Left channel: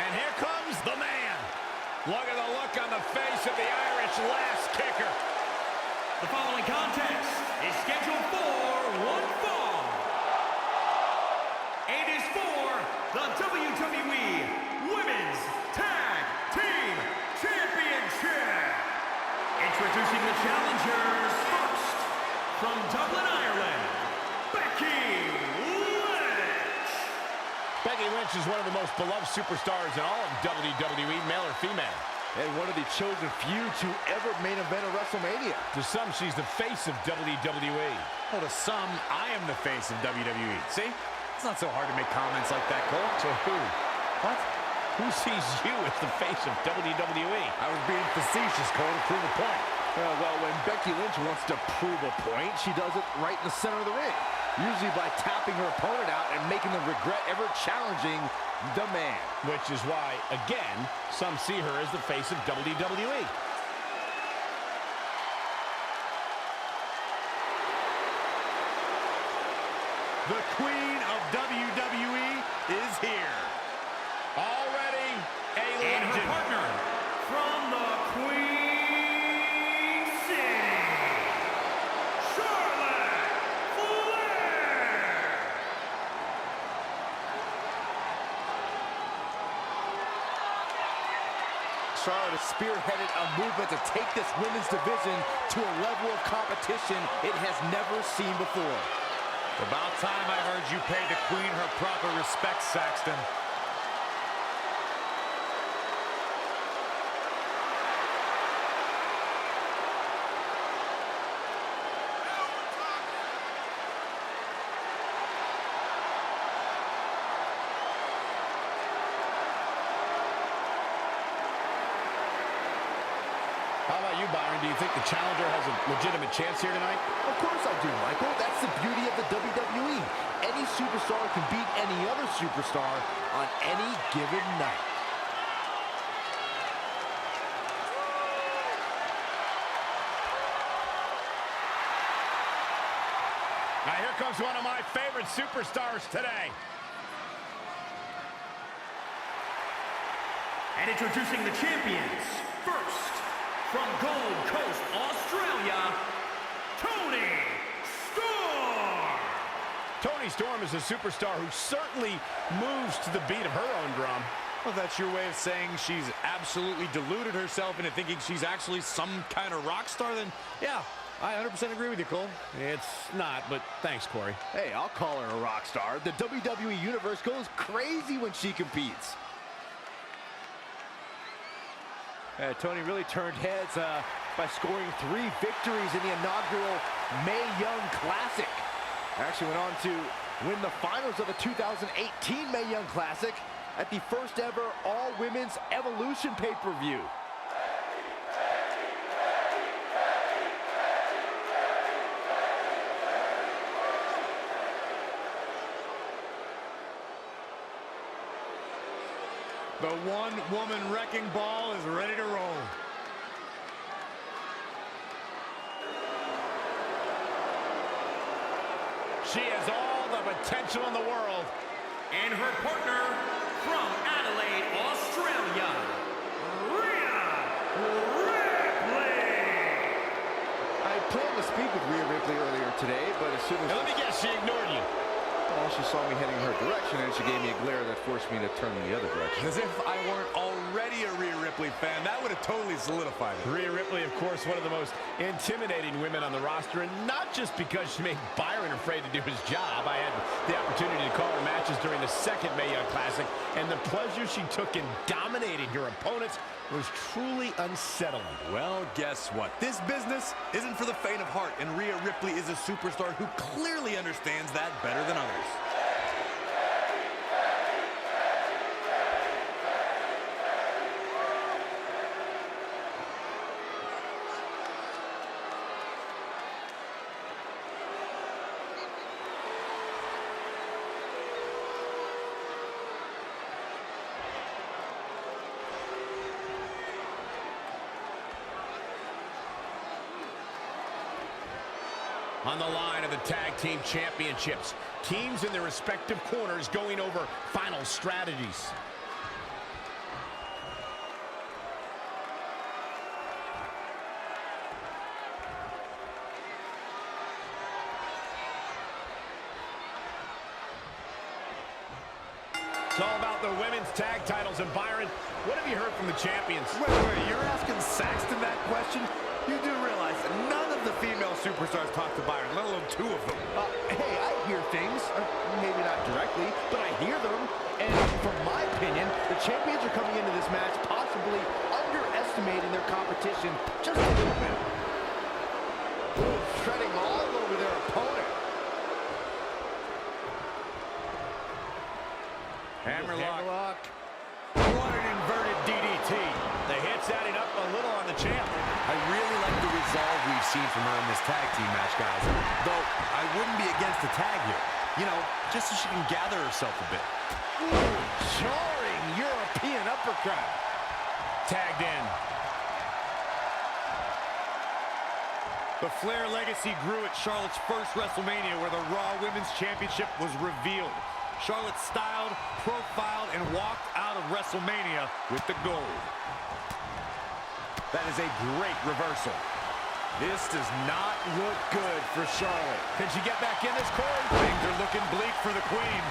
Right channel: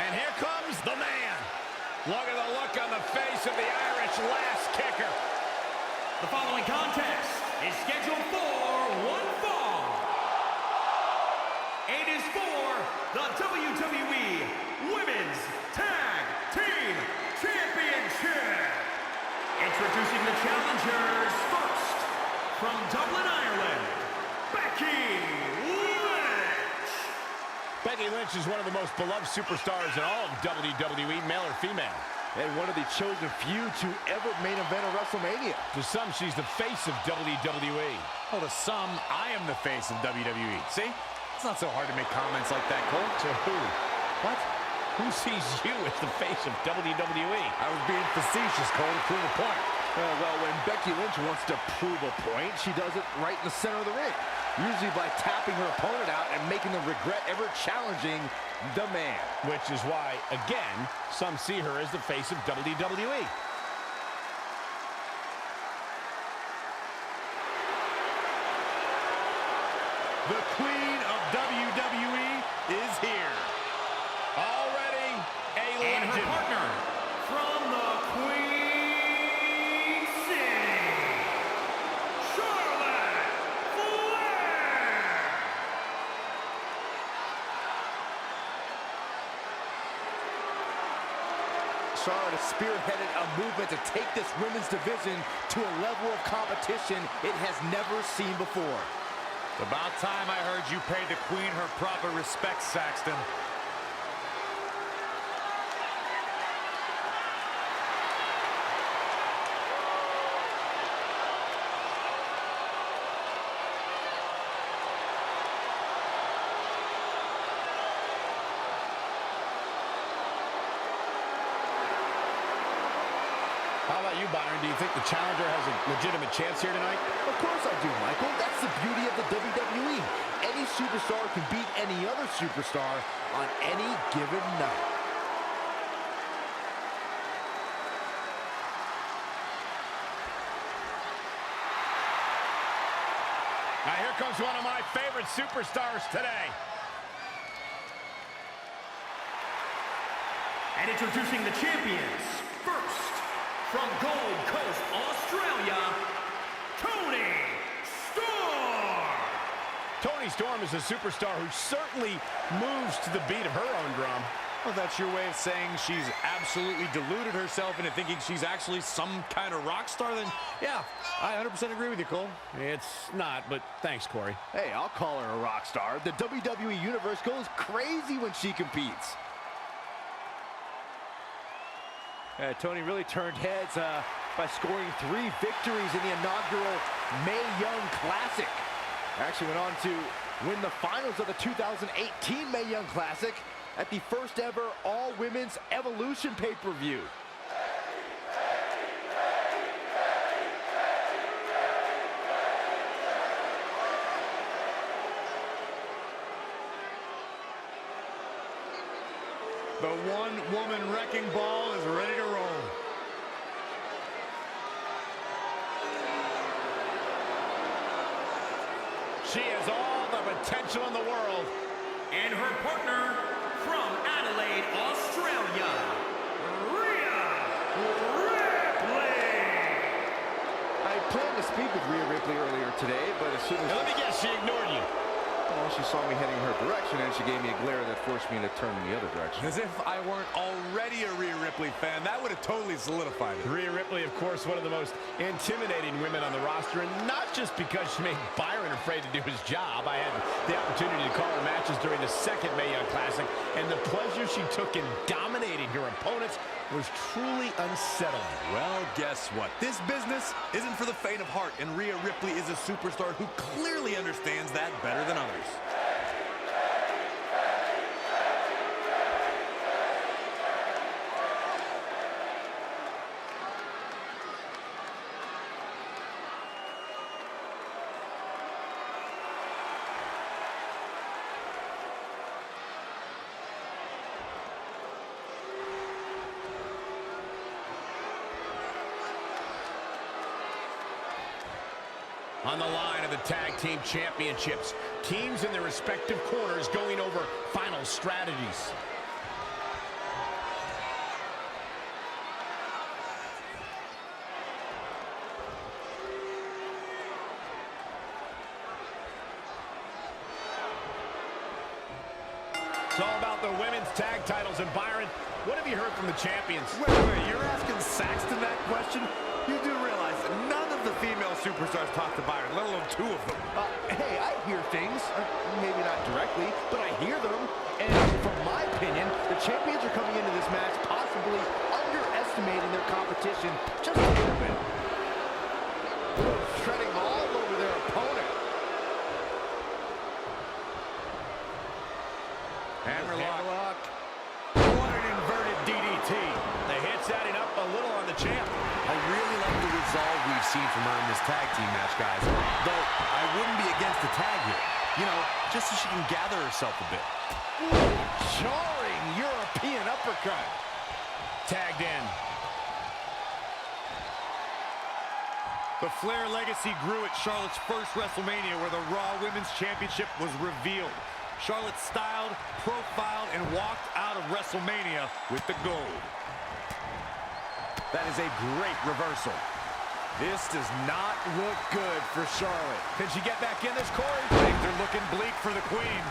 And here comes the man. Look at the look on the face of the Irish last kicker. The following contest is scheduled for one fall. It is for the WWE Women's Tag Team Championship. Introducing the challengers first, from Dublin, Ireland, Becky Lynch. Becky Lynch is one of the most beloved superstars in all of WWE, male or female. And one of the chosen few to ever main event a WrestleMania. To some, she's the face of WWE. Well, to some, I am the face of WWE. See? It's not so hard to make comments like that, Cole. To who? What? Who sees you as the face of WWE? I was being facetious, Cole, to prove a point. Well, when Becky Lynch wants to prove a point, she does it right in the center of the ring. Usually by tapping her opponent out and making them regret ever challenging the man. Which is why, again, some see her as the face of WWE. The Queen of WWE is here. Already a legend. And her partner from the Queen City, Charlotte Flair. Charlotte has spearheaded a movement to take this women's division to a level of competition it has never seen before. It's about time I heard you paid the Queen her proper respect, Saxton. How about you, Byron? Do you think the challenger has a legitimate chance here tonight? Of course I do, Michael. That's the beauty of the WWE. Any superstar can beat any other superstar on any given night. Now here comes one of my favorite superstars today. And introducing the champions, first, from Gold Coast, Australia, Toni Storm. Toni Storm is a superstar who certainly moves to the beat of her own drum. Well, that's your way of saying she's absolutely deluded herself into thinking she's actually some kind of rock star, then yeah, I 100% agree with you, Cole. It's not, but thanks, Corey. Hey, I'll call her a rock star. The WWE Universe goes crazy when she competes. Toni really turned heads by scoring 3 victories in the inaugural Mae Young Classic. Actually went on to win the finals of the 2018 Mae Young Classic at the first ever all-women's Evolution pay-per-view. The one-woman wrecking ball is ready to roll. She has all the potential in the world. And her partner from Adelaide, Australia, Rhea Ripley. I planned to speak with Rhea Ripley earlier today, but as soon as... Now, let me guess, she ignored you. Well, she saw me heading her direction, and she gave me a glare that forced me to turn in the other direction. As if I weren't already a Rhea Ripley fan, that would have totally solidified it. Rhea Ripley, of course, one of the most intimidating women on the roster, and not just because she made Byron afraid to do his job. I had the opportunity to call her matches during the second Mae Young Classic, and the pleasure she took in dominating her opponents was truly unsettling. Well, guess what? This business isn't for the faint of heart, and Rhea Ripley is a superstar who clearly understands that better than others. On the line of the Tag Team Championships, teams in their respective corners going over final strategies. It's all about the women's tag titles. And Byron, what have you heard from the champions? Wait, you're asking Saxton that question? You do realize that none of the female superstars talk to Byron, let alone two of them. Hey, I hear things. Maybe not directly, but I hear them. And from my opinion, the champions are coming into this match possibly underestimating their competition just a little bit. Ooh, treading all over their opponent. Hammerlock. What an inverted DDT. The hit's adding up a little on the champ. I really like the resolve we've seen from her in this tag team match, guys. Though, I wouldn't be against the tag here. You know, just so she can gather herself a bit. Ooh, jarring European uppercut. Tagged in. The Flair legacy grew at Charlotte's first WrestleMania, where the Raw Women's Championship was revealed. Charlotte styled, profiled, and walked out of WrestleMania with the gold. That is a great reversal. This does not look good for Charlotte. Can she get back in this, Corey? Things are looking bleak for the Queen.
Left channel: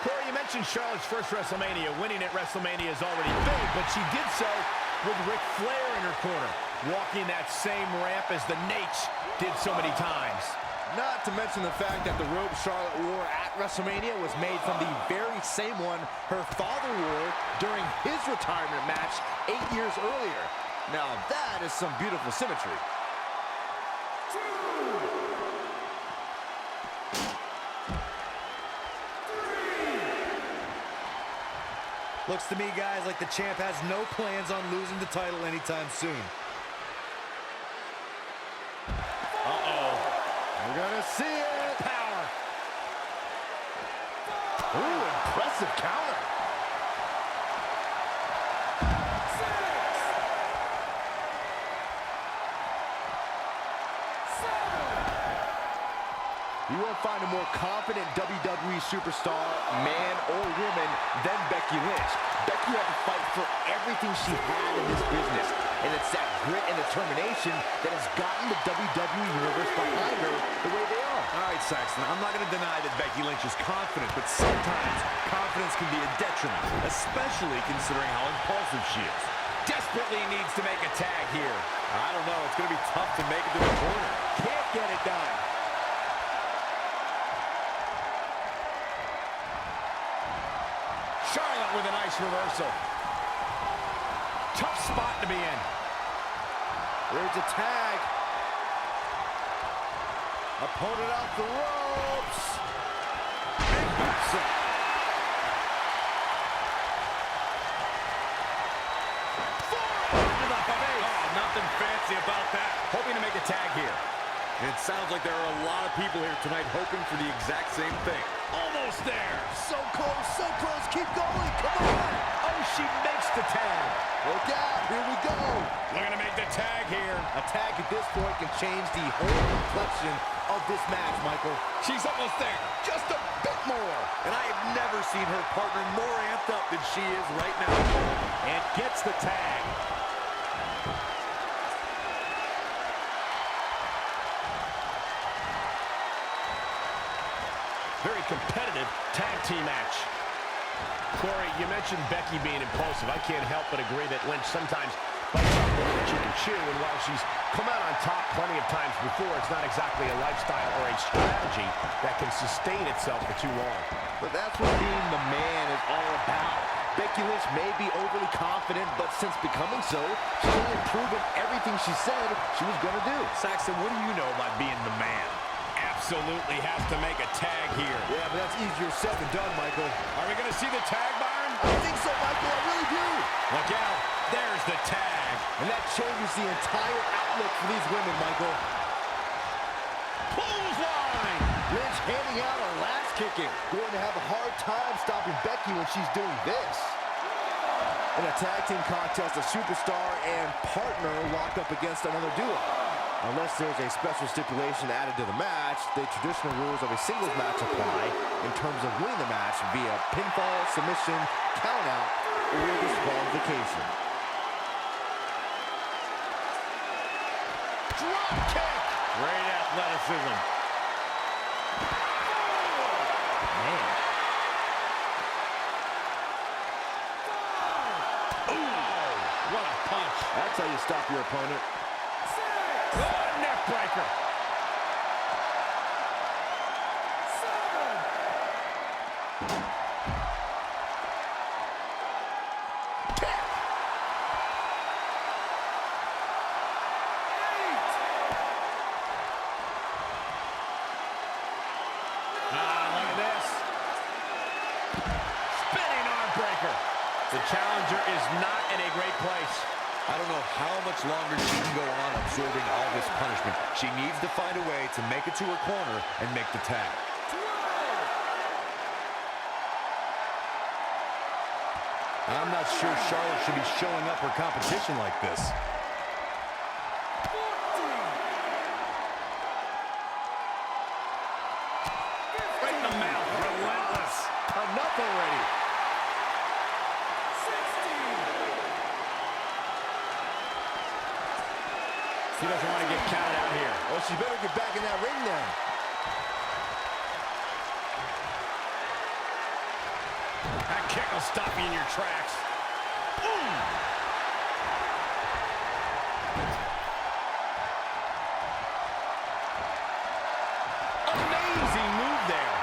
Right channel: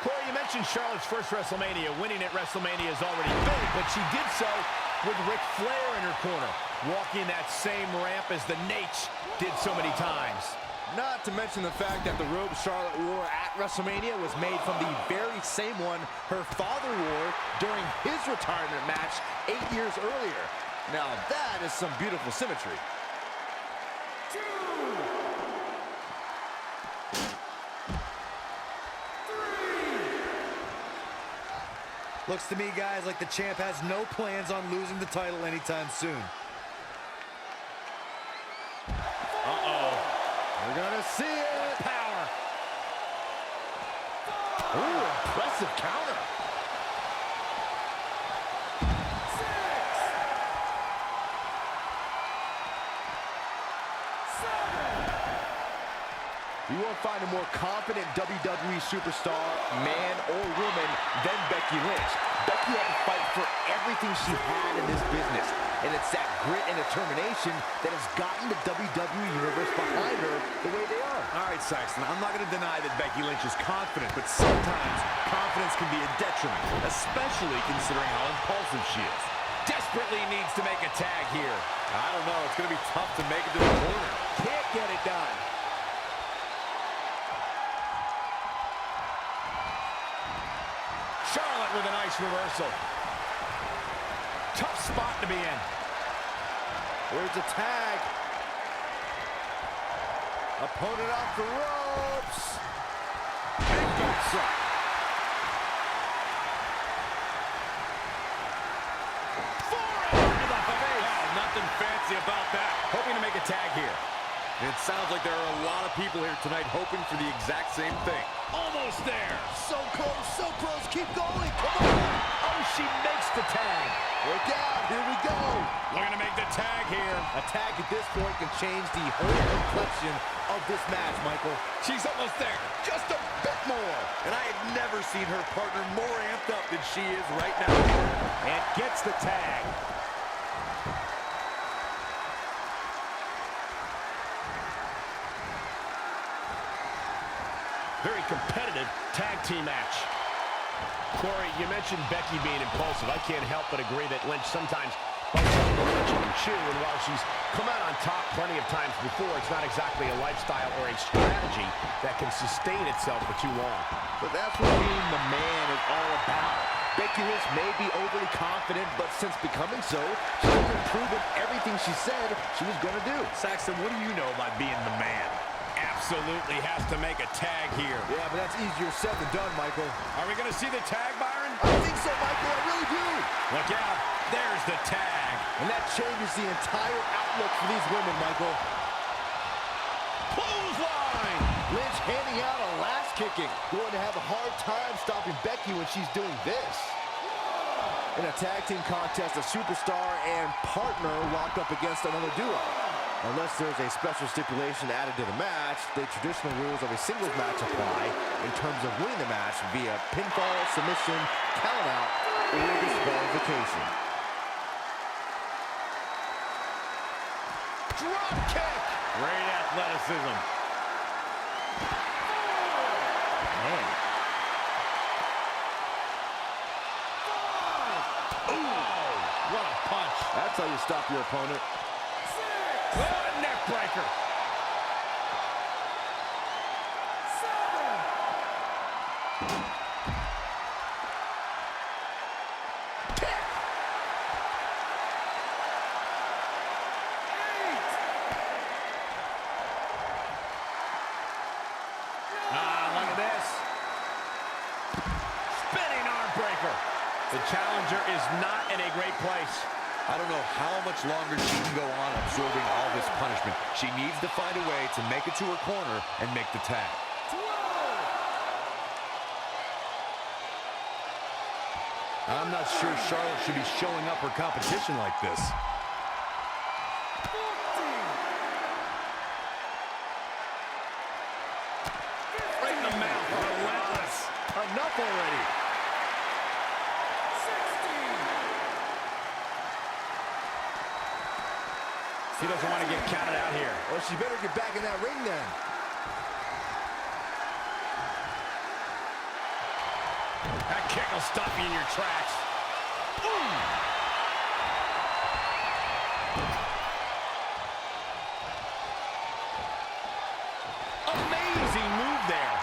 Corey, you mentioned Charlotte's first WrestleMania. Winning at WrestleMania is already big, but she did so with Ric Flair in her corner, walking that same ramp as the Nate did so many times. Not to mention the fact that the robe Charlotte wore at WrestleMania was made from the very same one her father wore during his retirement match 8 years earlier. Now that is some beautiful symmetry. Looks to me, guys, like the champ has no plans on losing the title anytime soon. We're gonna see it. Power. Ooh, impressive counter. You won't find a more confident WWE superstar, man or woman, than Becky Lynch. Becky had to fight for everything she had in this business, and it's that grit and determination that has gotten the WWE Universe behind her the way they are. All right, Saxton, I'm not going to deny that Becky Lynch is confident, but sometimes confidence can be a detriment, especially considering how impulsive she is. Desperately needs to make a tag here. I don't know. It's going to be tough to make it to the corner. Can't get it done. Charlotte with a nice reversal. Tough spot to be in. There's a tag. Opponent off the ropes. Big back set. Forearm to the face. Oh, nothing fancy about that. Hoping to make a tag here. It sounds like there are a lot of people here tonight hoping for the exact same thing. Almost there. So close, keep going, come on! Oh, she makes the tag. Look out, here we go! Looking to make the tag here. A tag at this point can change the whole complexion of this match, Michael. She's almost there. Just a bit more. And I have never seen her partner more amped up than she is right now. And gets the tag. Very competitive tag team match. Corey, you mentioned Becky being impulsive. I can't help but agree that Lynch sometimes bites off more than she can chew, and while she's come out on top plenty of times before, it's not exactly a lifestyle or a strategy that can sustain itself for too long. But that's what being the man is all about. Becky Lynch may be overly confident, but since becoming so, she's only proven everything she said she was going to do. Saxton, what do you know about being the man? Absolutely has to make a tag here. Yeah, but that's easier said than done, Michael. Are we going to see the tag, Byron? I think so, Michael, I really do. Look out. There's the tag. And that changes the entire outlook for these women, Michael. Clothesline. Lynch handing out a last kicking. Going to have a hard time stopping Becky when she's doing this. In a tag team contest, a superstar and partner lock up against another duo. Unless there's a special stipulation added to the match, the traditional rules of a singles match apply in terms of winning the match via pinfall, submission, countout, or disqualification. Drop kick. Great athleticism. punch. That's how you stop your opponent. Oh, neck breaker. Look at this. Spinning arm breaker. The challenger is not in a great place. I don't know how much longer she can go on absorbing all this punishment. She needs to find a way to make it to her corner and make the tag. I'm not sure Charlotte should be showing up her competition like this. Right in the mouth. Relentless. Enough already. She doesn't want to get counted out here. Well, she better get back in that ring then. That kick will stop you in your tracks. Ooh. Amazing move there.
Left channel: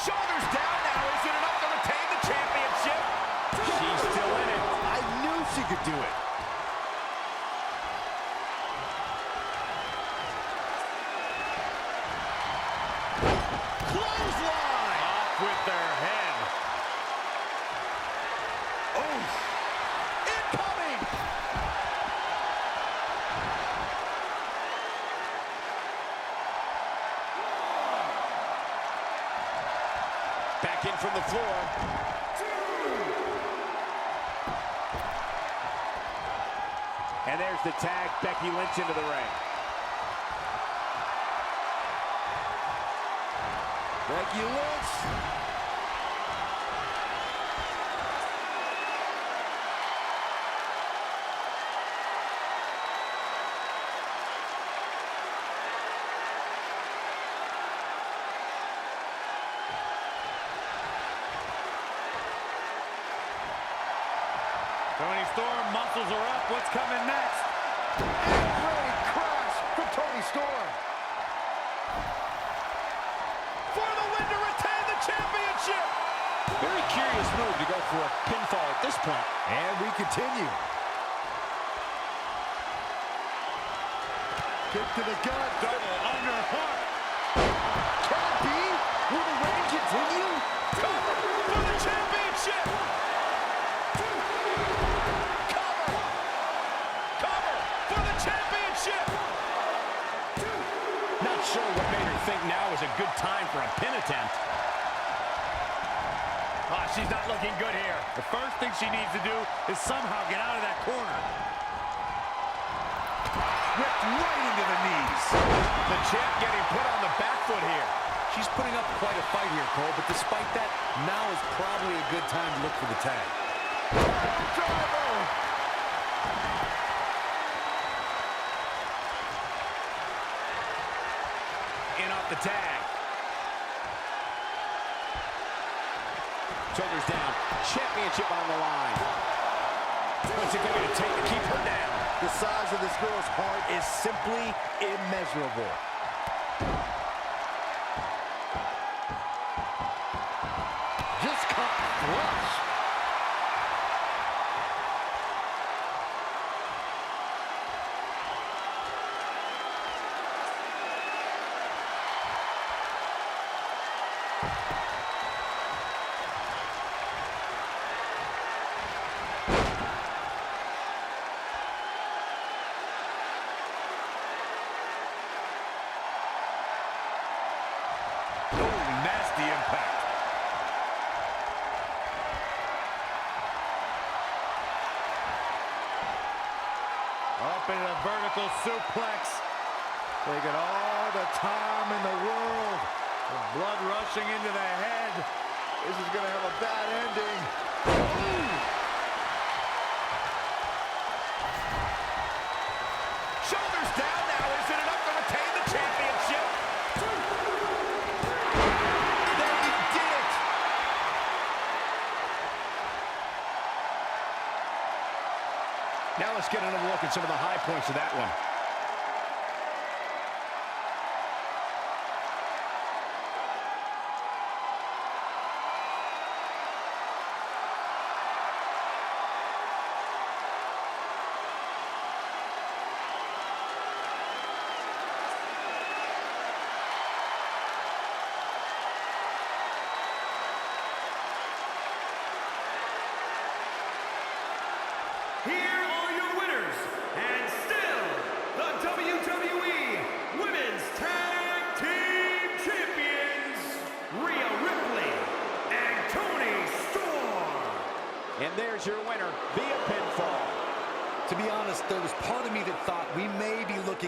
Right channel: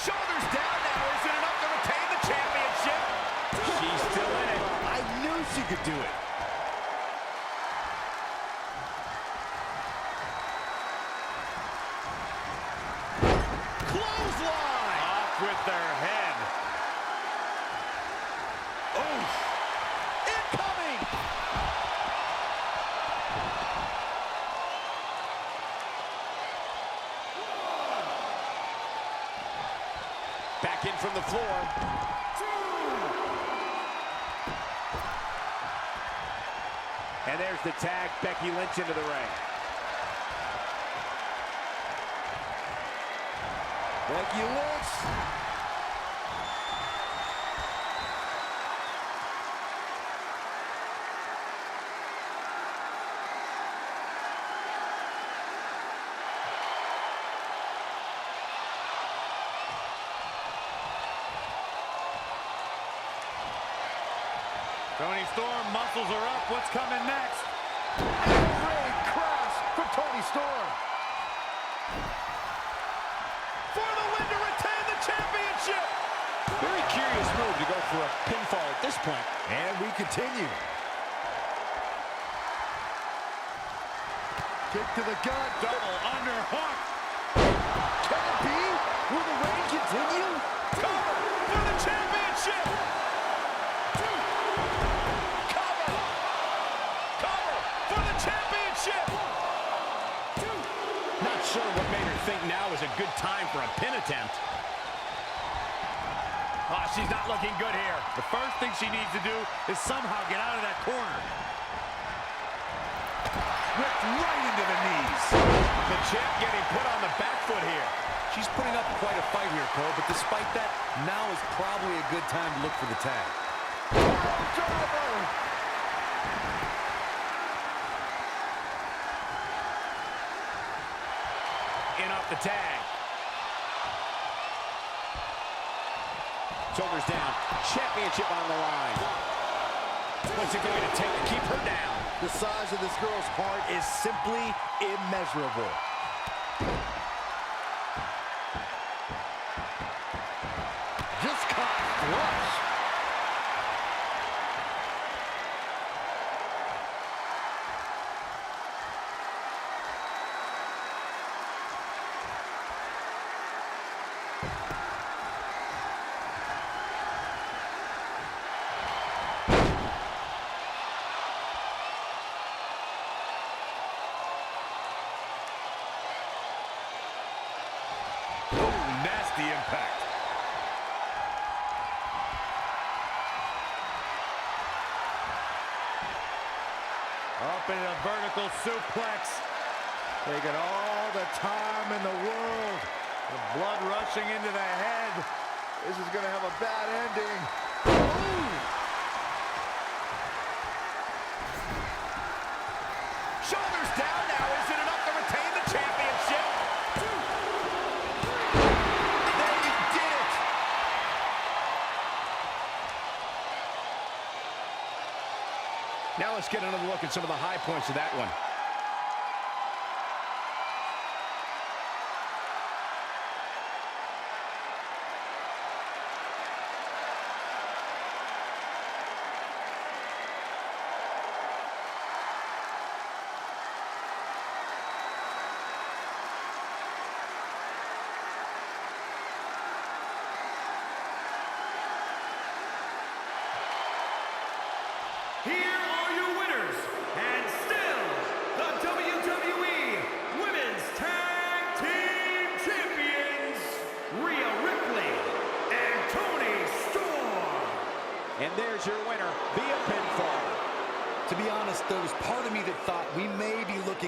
Shoulders down now. Is it enough to retain the championship? She's still in it. I knew she could do it. Clothesline. Off with their head. Oh. Incoming. Back in from the floor. And there's the tag, Becky Lynch into the ring. Becky Lynch. Toni Storm, muscles are up. What's coming next? And a great crash from Toni Storm. For the win to retain the championship. Very curious move to go for a pinfall at this point. And we continue. Kick to the gut. Double underhook. Can it be? Will the reign continue? Cover for the championship. Cover for the championship. Not sure what made her think now was a good time for a pin attempt. Oh, she's not looking good here. The first thing she needs to do is somehow get out of that corner. Whipped right into the knees. The champ getting put on the back foot here. She's putting up quite a fight here, Cole, but despite that, now is probably a good time to look for the tag. Driver. In off the tag. Shoulders down. Championship on the line. What's it going to take to keep her down? The size of this girl's heart is simply immeasurable. Just caught flush. Oh, nasty impact. Up in a vertical suplex. Taking all the time in the world. The blood rushing into the head. This is going to have a bad ending. Shoulders down now. Is it enough to retain the championship? They did it. Now let's get another look at some of the high points of that one. Here are your winners, and still the WWE Women's Tag Team Champions, Rhea Ripley and Toni Storm. And there's your winner via pinfall. To be honest, there was part of me that thought we may be looking